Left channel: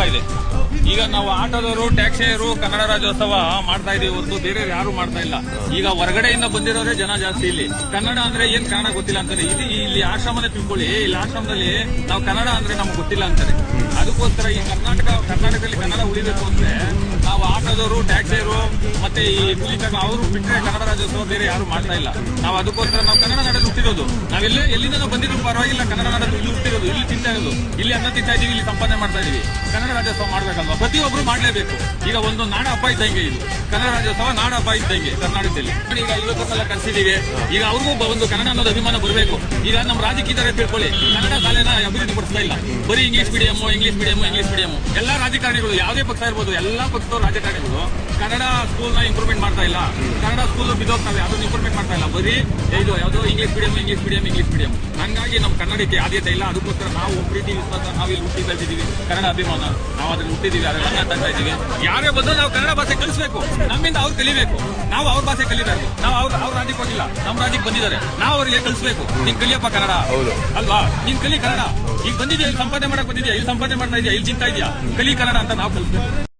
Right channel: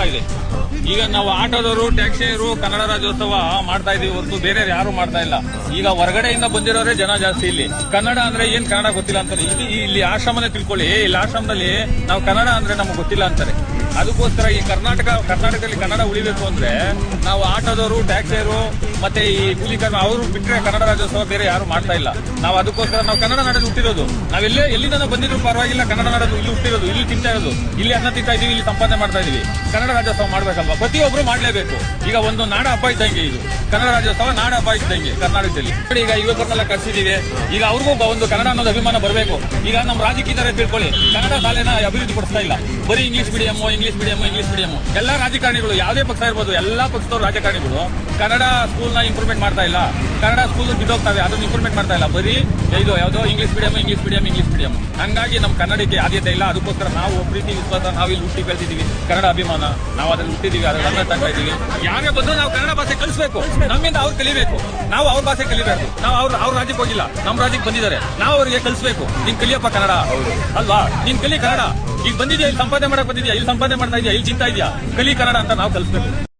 ಆಗ್ತಾ ಇದೆ. ಈಗ ನಾವು ಆಟೋದವರು, ಟ್ಯಾಕ್ಸಿಯರು ಕನ್ನಡ ರಾಜ್ಯೋತ್ಸವ ಮಾಡ್ತಾ ಇದೀವಿ, ಒಂದು ಬೇರೆ ಯಾರು ಮಾಡ್ತಾ ಇಲ್ಲ. ಈಗ ಹೊರಗಡೆಯಿಂದ ಬಂದಿರೋರೇ ಜನ ಜಾಸ್ತಿ. ಇಲ್ಲಿ ಕನ್ನಡ ಅಂದ್ರೆ ಏನ್ ಕನ್ನಡ ಗೊತ್ತಿಲ್ಲ ಅಂತಾರೆ. ಇಲ್ಲಿ ಆಶ್ರಮನ ತಿಳ್ಕೊಳ್ಳಿ, ಇಲ್ಲಿ ಆಶ್ರಮದಲ್ಲಿ ನಾವು ಕನ್ನಡ ಅಂದ್ರೆ ನಮ್ಗೆ ಗೊತ್ತಿಲ್ಲ ಅಂತಾರೆ. ಅದಕ್ಕೋಸ್ಕರ ಈ ಕರ್ನಾಟಕದಲ್ಲಿ ಕನ್ನಡ ಉಳಿಬೇಕು ಅಂದ್ರೆ ನಾವು ಆಟೋದವರು, ಟ್ಯಾಕ್ಸಿಯರು ಮತ್ತೆ ಈ ಕೂಲಿಕರು ಅವರು ಬಿಟ್ಟರೆ ಕನ್ನಡ ರಾಜ್ಯೋತ್ಸವ ಬೇರೆ ಯಾರು ಮಾಡ್ತಾ ಇಲ್ಲ. ನಾವು ಅದಕ್ಕೋಸ್ಕರ ನಾವು ಕನ್ನಡ ನಾಡಲ್ಲಿ ಹುಟ್ಟಿರೋದು. ನಾವಿಲ್ಲೇ ಎಲ್ಲಿಂದ ಬಂದಿರೋ ಪರವಾಗಿಲ್ಲ, ಕನ್ನಡ ನಾಡಲ್ಲಿ ಇಲ್ಲಿ ಹುಟ್ಟಿರೋದು, ಇಲ್ಲಿ ತಿಂತಾ ಇರೋದು, ಇಲ್ಲಿ ಅನ್ನ ತಿಂತಾ ಇದೀವಿ, ಇಲ್ಲಿ ಸಂಪಾದನೆ ಮಾಡ್ತಾ ಇದೀವಿ. ಕನ್ನಡ ರಾಜ್ಯೋತ್ಸವ ಮಾಡ್ಬೇಕಲ್ವಾ? ಪ್ರತಿಯೊಬ್ರು ಮಾಡ್ಲೇಬೇಕು. ಈಗ ಒಂದು ನಾಡ ಹಬ್ಬ ಇದ್ದಂಗೆ ಇದು ಕನ್ನಡ ರಾಜ್ಯೋತ್ಸವ, ನಾಡ ಹಬ್ಬ ಇದ್ದಂಗೆ ಕರ್ನಾಟಕದಲ್ಲಿ. ಈಗ ಯುವಕರನ್ನೆಲ್ಲ ಕರ್ಸಿದೀವಿ. ಈಗ ಅವ್ರಿಗೂ ಒಂದು ಕನ್ನಡ ಅನ್ನೋದು ಅಭಿಮಾನ ಬರಬೇಕು. ಈಗ ನಮ್ಮ ರಾಜಕೀಯರೇ ತಿಳ್ಕೊಳ್ಳಿ, ಕನ್ನಡ ಶಾಲೆನ ಅಭಿವೃದ್ಧಿ ಪಡಿಸ್ತಾ ಇಲ್ಲ. ಬರೀ ಇಂಗ್ಲಿಷ್ ಮೀಡಿಯಂ ಎಲ್ಲಾ ರಾಜಕಾರಣಿಗಳು, ಯಾವುದೇ ಪಕ್ಷ ಇರ್ಬೋದು, ಎಲ್ಲಾ ಪಕ್ಷದವರು ರಾಜಕಾರಣಿಗಳು ಕನ್ನಡ ಸ್ಕೂಲ್ ನ ಇಂಪ್ರೂವ್ಮೆಂಟ್ ಮಾಡ್ತಾ ಇಲ್ಲ. ಕನ್ನಡ ಸ್ಕೂಲ್ ಬಿದ್ದೋಗ್ತವೆ, ಅದನ್ನ ಇಂಪ್ರೂವ್ಮೆಂಟ್ ಮಾಡ್ತಾ ಇಲ್ಲ. ಬರೀ ಏನು ಯಾವುದೋ ಇಂಗ್ಲಿಷ್ ಮೀಡಿಯಂ. ಹಂಗಾಗಿ ನಮ್ಮ ಕನ್ನಡಕ್ಕೆ ಆದ್ಯತೆ ಇಲ್ಲ. ಅದಕ್ಕೋಸ್ಕರ ನಾವು ಪ್ರೀತಿ ವಿಶ್ವಾಸ, ನಾವು ಇಲ್ಲಿ ಹುಟ್ಟಿ ಬೆಳೆದಿದ್ದೀವಿ, ಕನ್ನಡ ಅಭಿಮಾನ, ನಾವು ಅದ್ರಲ್ಲಿ ಹುಟ್ಟಿದೀವಿ, ಅದನ್ನ ತಗ್ತಾ ಇದೀವಿ. ಯಾರ ಬಂದು ನಾವು ಕನ್ನಡ ಭಾಷೆ ಕಲಿಸಬೇಕು, ನಮ್ಮಿಂದ ಅವ್ರು ಕಲಿಬೇಕು, ನಾವು ಅವ್ರ ಭಾಷೆ ಕಲಿಬೇಕು. ನಾವು ಅವ್ರ ರಾಜ್ಯಕ್ಕೆ ಹೋಗಿಲ್ಲ, ನಮ್ಮ ರಾಜ್ಯಕ್ಕೆ ಬಂದಿದ್ದಾರೆ, ನಾವು ಅವ್ರಿಗೆ ಕಲಿಸಬೇಕು. ನೀನ್ ಕಲಿಯಪ್ಪ ಕನ್ನಡ ಅಲ್ವಾ, ನೀನ್ ಕಲಿ ಕನ್ನಡ. ಈಗ ಬಂದಿದ್ಯಾ, ಇಲ್ಲಿ ಸಂಪಾದನೆ ಮಾಡಕ್ ಬಂದಿದ್ಯಾ, ಇಲ್ಲಿ ಸಂಪಾದನೆ ಮಾಡ್ತಾ ಇದೆಯಾ, ಇಲ್ಲಿ ಚಿಂತಾ ಇದೆಯಾ, ಕಲಿ ಕನ್ನಡ ಅಂತ ನಾವು ಕಲಿಸ್ಬೇಕು.